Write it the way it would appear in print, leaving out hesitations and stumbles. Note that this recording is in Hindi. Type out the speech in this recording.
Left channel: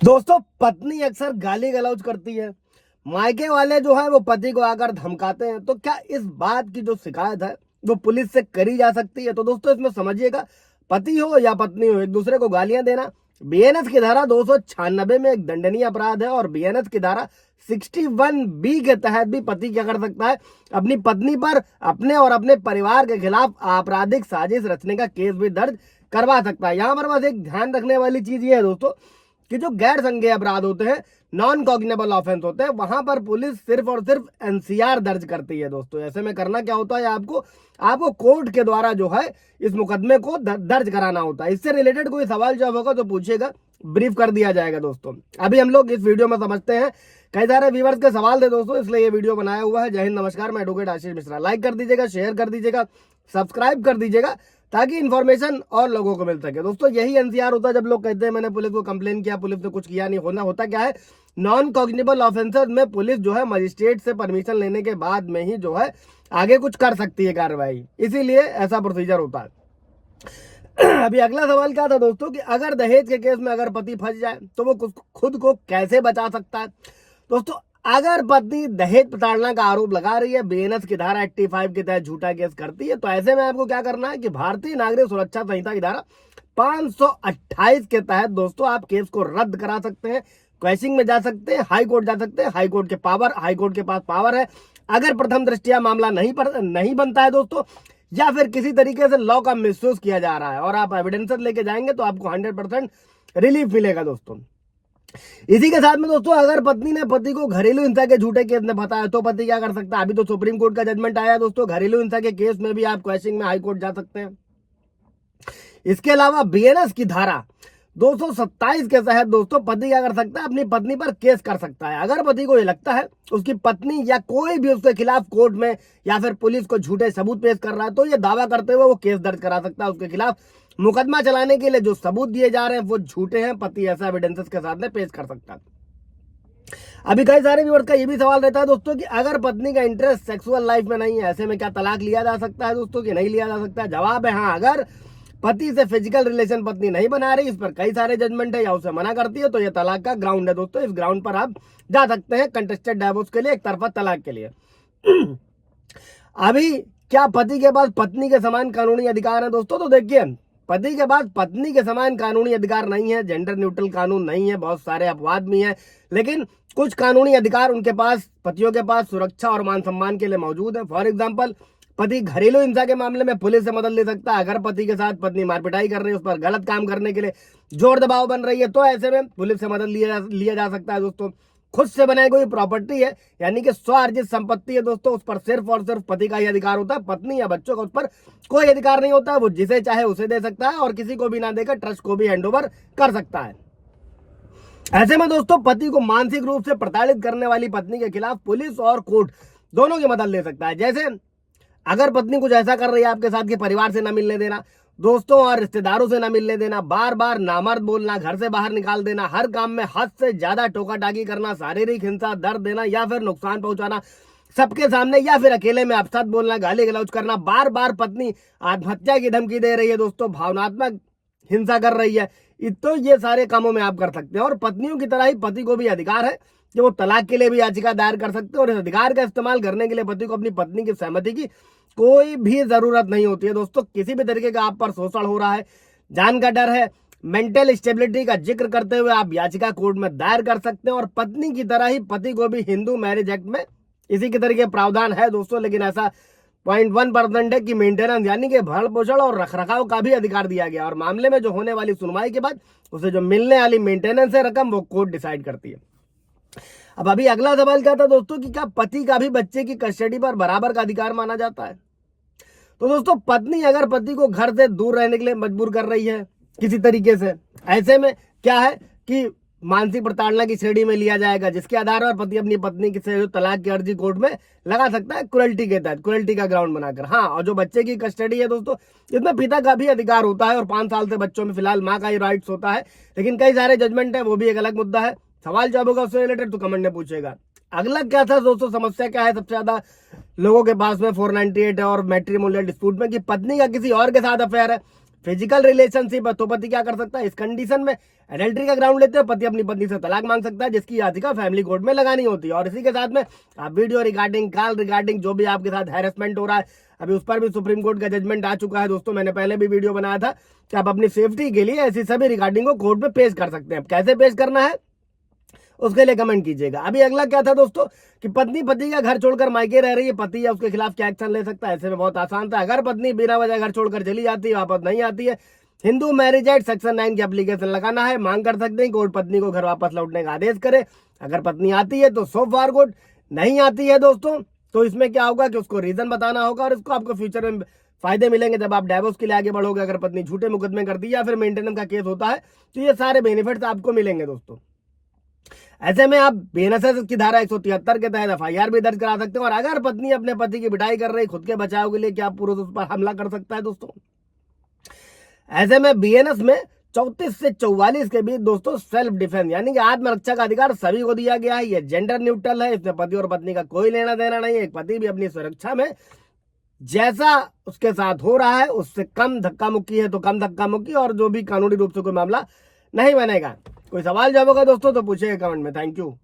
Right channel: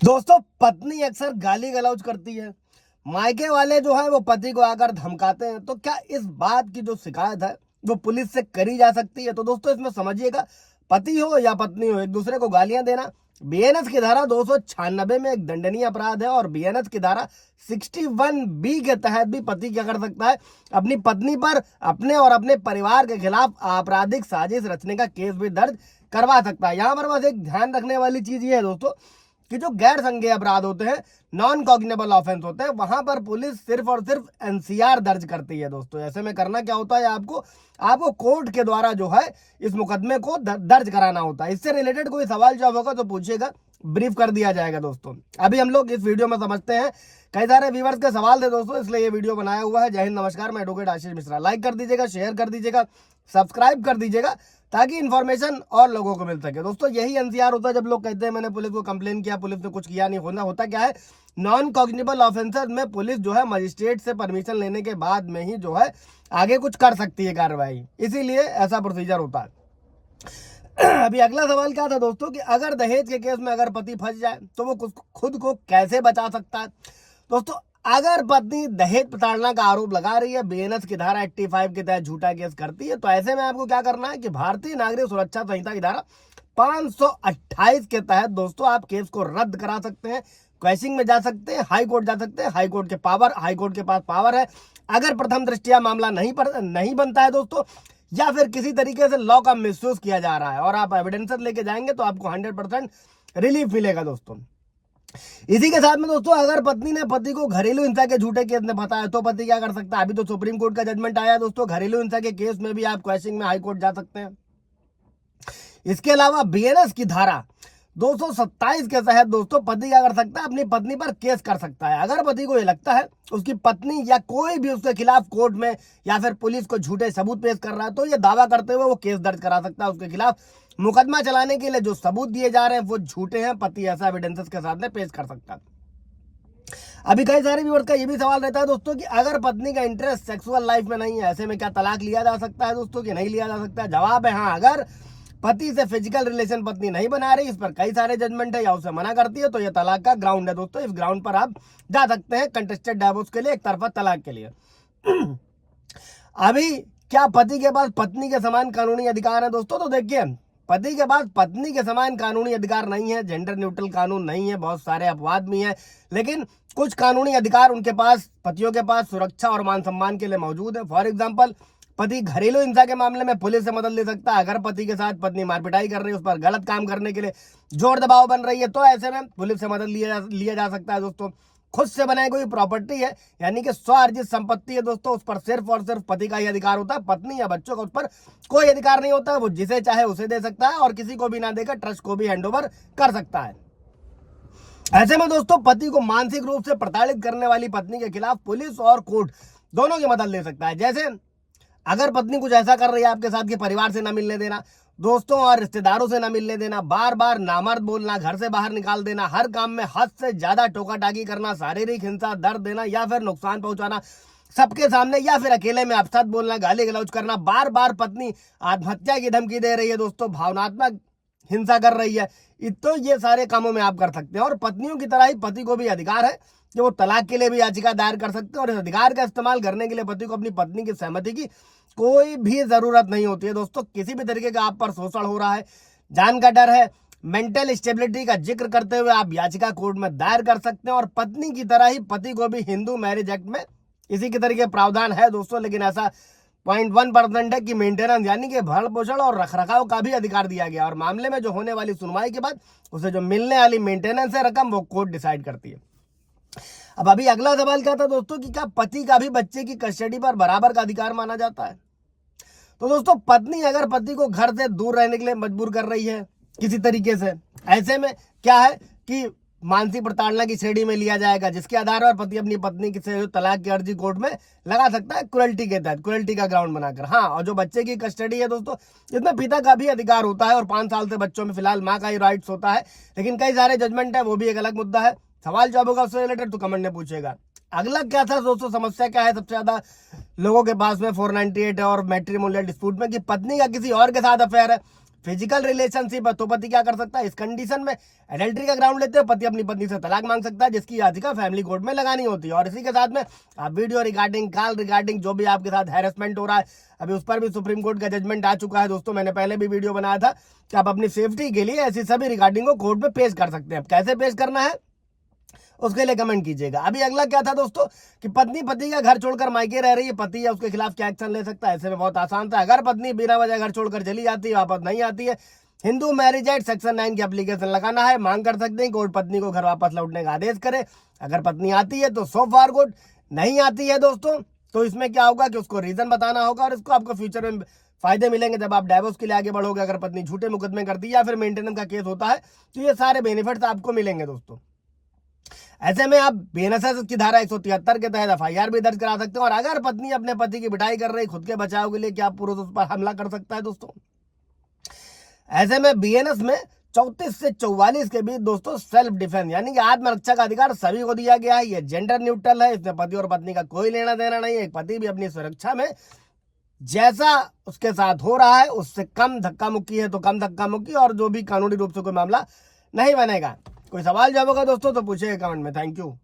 दोस्तों, पत्नी अक्सर गाली गलौज करती है। मायके वाले जो है वो पति को आकर धमकाते हैं। तो क्या इस बात की जो शिकायत है वो पुलिस से करी जा सकती है? तो दोस्तों, इसमें समझिएगा, पति हो या पत्नी हो, एक दूसरे को गालियां देना बीएनएस की धारा 296 में एक दंडनीय अपराध है। और बीएनएस की धारा 61B के तहत भी पति क्या कर सकता है? अपनी पत्नी पर अपने और अपने परिवार के खिलाफ आपराधिक साजिश रचने का केस भी दर्ज करवा सकता है। यहाँ पर बस एक ध्यान रखने वाली चीज ये है दोस्तों कि जो गैर संज्ञेय अपराध होते हैं, नॉन कॉग्निबल ऑफेंस होते हैं, वहां पर पुलिस सिर्फ और सिर्फ एनसीआर दर्ज करती है। दोस्तों, ऐसे में करना क्या होता है? आपको कोर्ट के द्वारा जो है इस मुकदमे को दर्ज कराना होता है। इससे रिलेटेड कोई सवाल जवाब होगा तो पूछिएगा, ब्रीफ कर दिया जाएगा। दोस्तों, अभी हम लोग इस वीडियो में समझते हैं। कई सारे व्यूवर्स के सवाल थे दोस्तों, इसलिए ये वीडियो बनाया हुआ है। जय हिंद, नमस्कार, मैं एडवोकेट आशीष मिश्रा। लाइक कर दीजिएगा, शेयर कर दीजिएगा, सब्सक्राइब कर दीजिएगा ताकि इन्फॉर्मेशन और लोगों को मिल सके। दोस्तों, यही एनसीआर होता है जब लोग कहते हैं मैंने पुलिस को कंप्लेन किया, पुलिस ने कुछ किया नहीं। होता क्या है? नॉन कॉग्निबल ऑफेंसेस में पुलिस जो है मजिस्ट्रेट से परमिशन लेने के बाद में ही जो है आगे कुछ कर सकती है कार्रवाई, इसीलिए ऐसा प्रोसीजर होता है। अभी अगला सवाल क्या था दोस्तों कि अगर दहेज के केस में अगर पति फंस जाए तो वो खुद को कैसे बचा सकता है? दोस्तों, अगर पत्नी दहेज प्रताड़ना का आरोप लगा रही है, बीएनएस की धारा 85 के तहत झूठा केस करती है, तो ऐसे में आपको क्या करना है कि भारतीय नागरिक सुरक्षा संहिता की धारा 528 के तहत दोस्तों आप केस को रद्द करा सकते हैं, क्वैशिंग में जा सकते हैं, हाई कोर्ट जा सकते हैं। हाई कोर्ट के पास पावर है। अगर प्रथम दृष्टया मामला नहीं बनता है दोस्तों, या फिर किसी तरीके से लॉ का मिसयूज किया जा रहा है और आप एविडेंसेस लेके जाएंगे तो आपको 100% रिलीफ मिलेगा। दोस्तों, इसी के साथ में दोस्तों अगर पत्नी ने पति को घरेलू हिंसा के झूठे केस में फंसाया तो पति क्या कर सकता है? अभी तो सुप्रीम कोर्ट का जजमेंट आया है दोस्तों, घरेलू हिंसा के केस में भी आप क्वैशिंग में हाई कोर्ट जा सकते हैं। इसके अलावा बीएनएस की धारा 227 के तहत दोस्तों पति क्या कर सकता है? अपनी पत्नी पर केस कर सकता है। अगर पति को ये लगता है उसकी पत्नी या कोई भी उसके खिलाफ कोर्ट में या फिर पुलिस को झूठे सबूत पेश कर रहा है, तो ये दावा करते हुए वो केस दर्ज करा सकता है। उसके खिलाफ मुकदमा चलाने के लिए जो सबूत दिए जा रहे हैं वो झूठे हैं, पति ऐसा एविडेंसेस के साथ में पेश कर सकता है। अभी कई सारे व्यूअर्स का ये भी सवाल रहता है दोस्तों कि अगर पत्नी का इंटरेस्ट सेक्सुअल लाइफ में नहीं है, ऐसे में क्या तलाक लिया जा सकता है दोस्तों कि नहीं लिया जा सकता है? जवाब है हाँ। अगर पति से फिजिकल रिलेशन पत्नी नहीं बना रही, इस पर कई सारे जजमेंट है या उसे मना करती है, तो ये तलाक का ग्राउंड है दोस्तों। इस ग्राउंड पर आप जा सकते हैं कंटेस्टेड डाइवोर्स के लिए, एक तरफा तलाक के लिए। अभी क्या पति के पास पत्नी के समान कानूनी अधिकार है दोस्तों? तो देखिए, पति के पास पत्नी के समान कानूनी अधिकार नहीं है, जेंडर न्यूट्रल कानून नहीं है, बहुत सारे अपवाद भी हैं, लेकिन कुछ कानूनी अधिकार उनके पास, पतियों के पास सुरक्षा और मान सम्मान के लिए मौजूद है। फॉर एग्जाम्पल, पति घरेलू हिंसा के मामले में पुलिस से मदद ले सकता है। अगर पति के साथ पत्नी मारपिटाई कर रही है, उस पर गलत काम करने के लिए जोर दबाव बन रही है, तो ऐसे में पुलिस से मदद लिया जा सकता है दोस्तों। खुद से बनाई कोई प्रॉपर्टी है, यानी कि स्व अर्जित संपत्ति है दोस्तों, उस पर सिर्फ और सिर्फ पति का ही अधिकार होता है, पत्नी या बच्चों का उस पर कोई अधिकार नहीं होता है। वो जिसे चाहे उसे दे सकता है और किसी को भी ना देकर ट्रस्ट को भी हैंडओवर कर सकता है। ऐसे में दोस्तों पति को मानसिक रूप से प्रताड़ित करने वाली पत्नी के खिलाफ पुलिस और कोर्ट दोनों की मदद ले सकता है। जैसे अगर पत्नी कुछ ऐसा कर रही है आपके साथ कि परिवार से ना मिलने देना, दोस्तों और रिश्तेदारों से ना मिलने देना, बार बार नामर्द बोलना, घर से बाहर निकाल देना, हर काम में हद से ज्यादा टोका टाकी करना, शारीरिक हिंसा, दर्द देना या फिर नुकसान पहुंचाना सबके सामने, या फिर अकेले में अपशब्द बोलना, गाली गलौज करना, बार बार पत्नी आत्महत्या की धमकी दे रही है दोस्तों, भावनात्मक हिंसा कर रही है, तो ये सारे कामों में आप कर सकते हैं। और पत्नियों की तरह ही पति को भी अधिकार है कि वो तलाक के लिए भी याचिका दायर कर सकते हैं। और इस अधिकार का इस्तेमाल करने के लिए पति को अपनी पत्नी की सहमति की कोई भी जरूरत नहीं होती है दोस्तों। किसी भी तरीके का आप पर शोषण हो रहा है, जान का डर है, मेंटल स्टेबिलिटी का जिक्र करते हुए आप याचिका कोर्ट में दायर कर सकते हैं। और पत्नी की तरह ही पति को भी हिंदू मैरिज एक्ट में इसी के तरीके प्रावधान है दोस्तों, लेकिन ऐसा 0.1% है कि मेंटेनेंस यानी कि भरण पोषण और रखरखाव का भी अधिकार दिया गया। और मामले में जो होने वाली सुनवाई के बाद उसे जो मिलने वाली मेंटेनेंस है रकम, वो कोर्ट डिसाइड करती है। अब अभी अगला सवाल क्या था दोस्तों कि क्या पति का भी बच्चे की कस्टडी पर बराबर का अधिकार माना जाता है? तो दोस्तों, पत्नी अगर पति को घर से दूर रहने के लिए मजबूर कर रही है किसी तरीके से, ऐसे में क्या है कि मानसिक प्रताड़ना की श्रेणी में लिया जाएगा, जिसके आधार पर पति अपनी पत्नी से जो तलाक की अर्जी कोर्ट में लगा सकता है क्रुएल्टी के तहत, क्रुएल्टी का ग्राउंड बनाकर। हाँ, और जो बच्चे की कस्टडी है दोस्तों, इसमें पिता का भी अधिकार होता है और 5 साल से बच्चों में फिलहाल माँ का ही राइट्स होता है, लेकिन कई सारे जजमेंट है, वो भी एक अलग मुद्दा है। सवाल जवाब होगा उससे रिलेटेड तो कमेंट में पूछेगा। अगला क्या था दोस्तों, समस्या क्या है सबसे ज्यादा लोगों के पास में 498 है और मैट्रिमोनियल डिस्प्यूट में कि पत्नी का किसी और के साथ अफेयर है। फिजिकल रिलेशनशिप है तो पति क्या कर सकता है, इस कंडीशन में एडल्ट्री का ग्राउंड लेते हैं, पति अपनी पत्नी से तलाक मांग सकता है, जिसकी याचिका फैमिली कोर्ट में लगानी होती है। और इसी के साथ में आप वीडियो रिगार्डिंग, कॉल रिगार्डिंग जो भी आपके साथ हैरेसमेंट हो रहा है, अभी उस पर भी सुप्रीम कोर्ट का जजमेंट आ चुका है दोस्तों। मैंने पहले भी वीडियो बनाया था कि आप अपनी सेफ्टी के लिए ऐसी सभी रिगार्डिंग को कोर्ट में पेश कर सकते हैं। कैसे पेश करना है उसके लिए कमेंट कीजिएगा। अभी अगला क्या था दोस्तों कि पत्नी पति का घर छोड़कर मायके रह रही है, पति या उसके खिलाफ क्या एक्शन ले सकता है। ऐसे में बहुत आसान था, अगर पत्नी बिना वजह घर छोड़कर चली जाती है, वापस नहीं आती है, हिंदू मैरिज एक्ट सेक्शन 9 की एप्लीकेशन लगाना है, मांग कर सकते हैं कोर्ट पत्नी को घर वापस लौटने का आदेश करे। अगर पत्नी आती है तो सो फार गुड, नहीं आती है दोस्तों तो इसमें क्या होगा कि उसको रीजन बताना होगा और इसको आपको फ्यूचर में फायदे मिलेंगे जब आप डाइवोर्स के लिए आगे बढ़ोगे। अगर पत्नी झूठे मुकदमे करती है या फिर मेंटेनेंस का केस होता है तो ये सारे बेनिफिट्स आपको मिलेंगे दोस्तों। ऐसे में आप बीएनएसएस की धारा 173 के तहत एफआईआर भी दर्ज करा सकते हैं। और अगर पत्नी अपने पति की पिटाई कर रही खुद के बचाव के लिए, क्या पुरुष उस पर हमला कर सकता है दोस्तों। ऐसे में बीएनएस में 34 से 44 के बीच दोस्तों सेल्फ डिफेंस यानी कि आत्मरक्षा का अधिकार सभी को दिया गया है। ये जेंडर न्यूट्रल है, इसमें पति और पत्नी का कोई लेना देना नहीं है। पति भी अपनी सुरक्षा में जैसा उसके साथ हो रहा है उससे कम धक्का मुक्की है तो कम धक्का मुक्की, और जो भी कानूनी रूप से कोई मामला नहीं बनेगा। कोई सवाल जब होगा दोस्तों तो पूछिएगा कमेंट में। Thank you.